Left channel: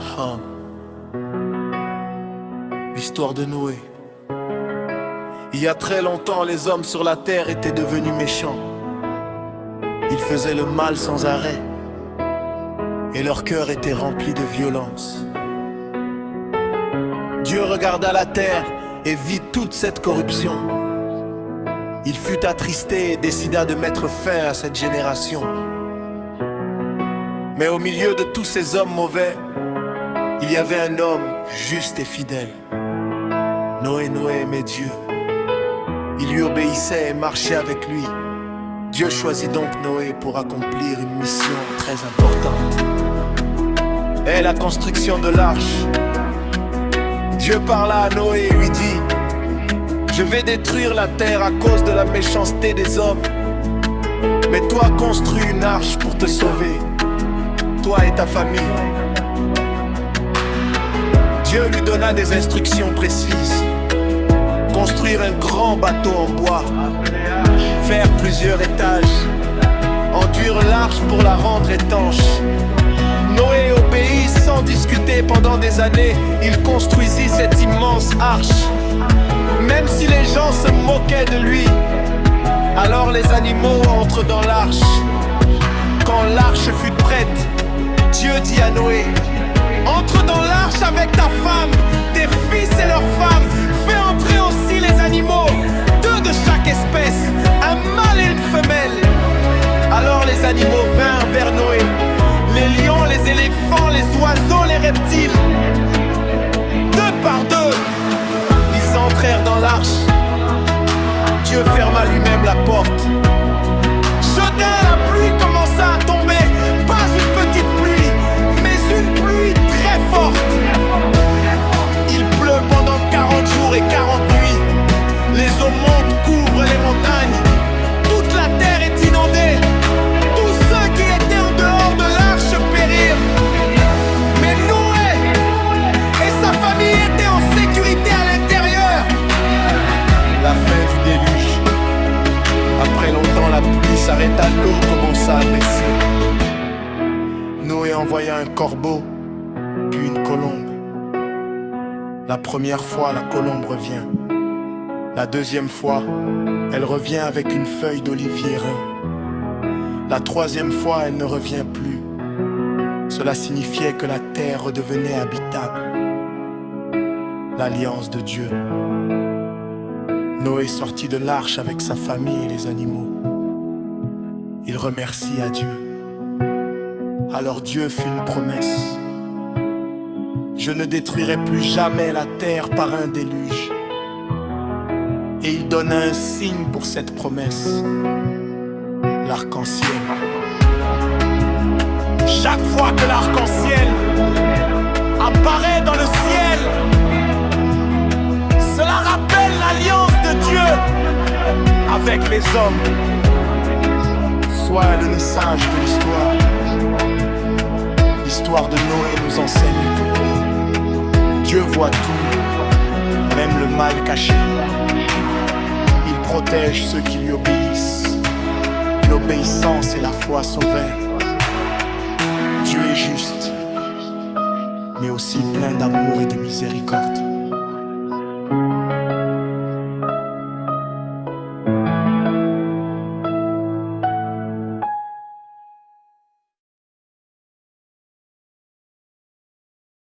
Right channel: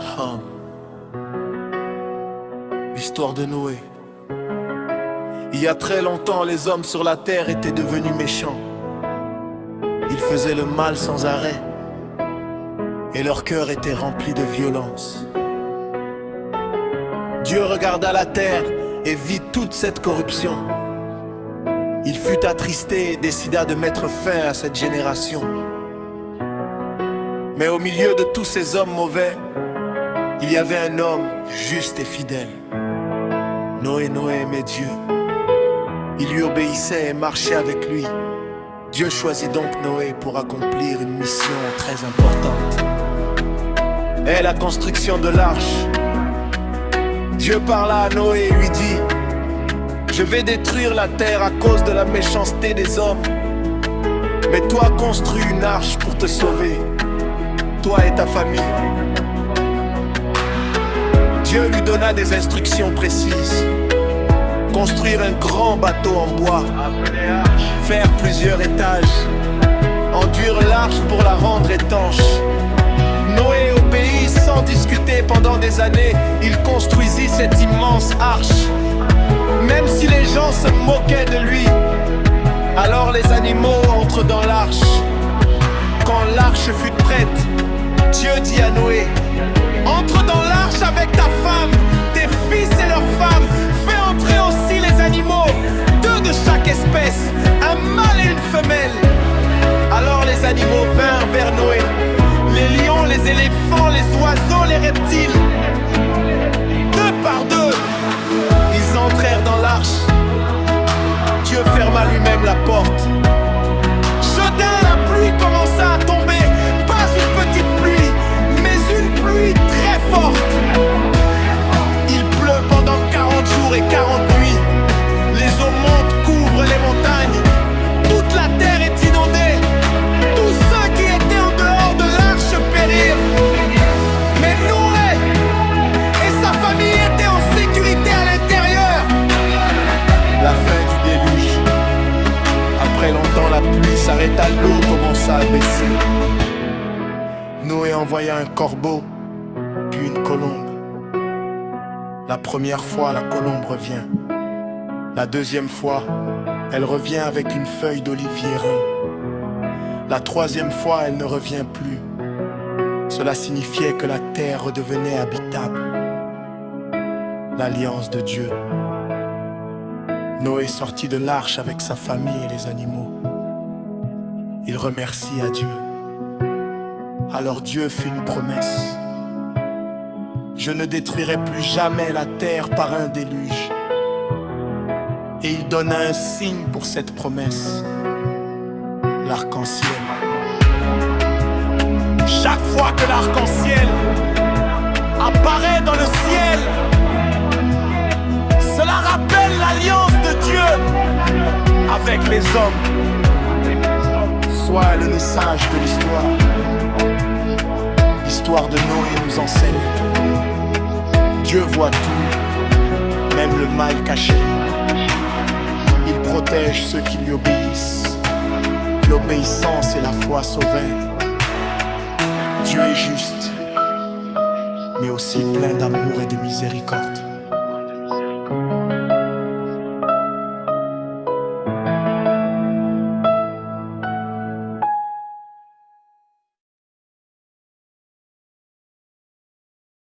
Hum. L'histoire de Noé. Il y a très longtemps, les hommes sur la terre étaient devenus méchants. Ils faisaient le mal sans arrêt, et leur cœur était rempli de violence. Dieu regarda la terre et vit toute cette corruption. Il fut attristé et décida de mettre fin à cette génération. Mais au milieu de tous ces hommes mauvais, il y avait un homme juste et fidèle. Noé aimait Dieu. Il lui obéissait et marchait avec lui. Dieu choisit donc Noé pour accomplir une mission très importante. Et la construction de l'arche. Dieu parla à Noé et lui dit: je vais détruire la terre à cause de la méchanceté des hommes. Mais toi, construis une arche pour te sauver, toi et ta famille. Dieu lui donna des instructions précises. Construire un grand bateau en bois, faire plusieurs étages, enduire l'arche pour la rendre étanche. Noé obéit sans discuter pendant des années. Il construisit cette immense arche. Même si les gens se moquaient de lui, alors les animaux entrent dans l'arche. Quand l'arche fut prête, Dieu dit à Noé: entre dans l'arche avec ta femme, tes fils et leurs femmes. Fais entrer aussi les animaux, 2 de chaque espèce, un mâle et une femelle. Alors les animaux vinrent vers Noé, les lions, les éléphants, les oiseaux, les reptiles. 2 par 2, ils entrèrent dans l'arche. Dieu ferma lui-même la porte. Soudain, la pluie commença à tomber. Pas une petite pluie, mais une pluie très forte. Il pleut pendant 40 jours et 40 nuits. Les eaux montent, couvrent les montagnes. Toute la terre est inondée. Tous ceux qui étaient en dehors de l'arche périrent. Mais Noé et sa famille étaient en sécurité à l'intérieur. La fin du déluge. Après longtemps, la pluie s'arrêta, l'eau commença à baisser. Noé envoya un corbeau, puis une colombe. La première fois, la colombe revient. La deuxième fois, elle revient avec une feuille d'olivier rond. La troisième fois, elle ne revient plus. Cela signifiait que la terre redevenait habitable. L'alliance de Dieu. Noé sortit de l'arche avec sa famille et les animaux. Il remercie à Dieu. Alors Dieu fit une promesse: je ne détruirai plus jamais la terre par un déluge. Et il donna un signe pour cette promesse: l'arc-en-ciel. Chaque fois que l'arc-en-ciel apparaît dans le ciel, cela rappelle l'alliance de Dieu avec les hommes. Soit le message de l'histoire. L'histoire de Noé nous enseigne que Dieu voit tout, même le mal caché. Il protège ceux qui lui obéissent. L'obéissance et la foi sauvent. Dieu est juste, mais aussi plein d'amour et de miséricorde.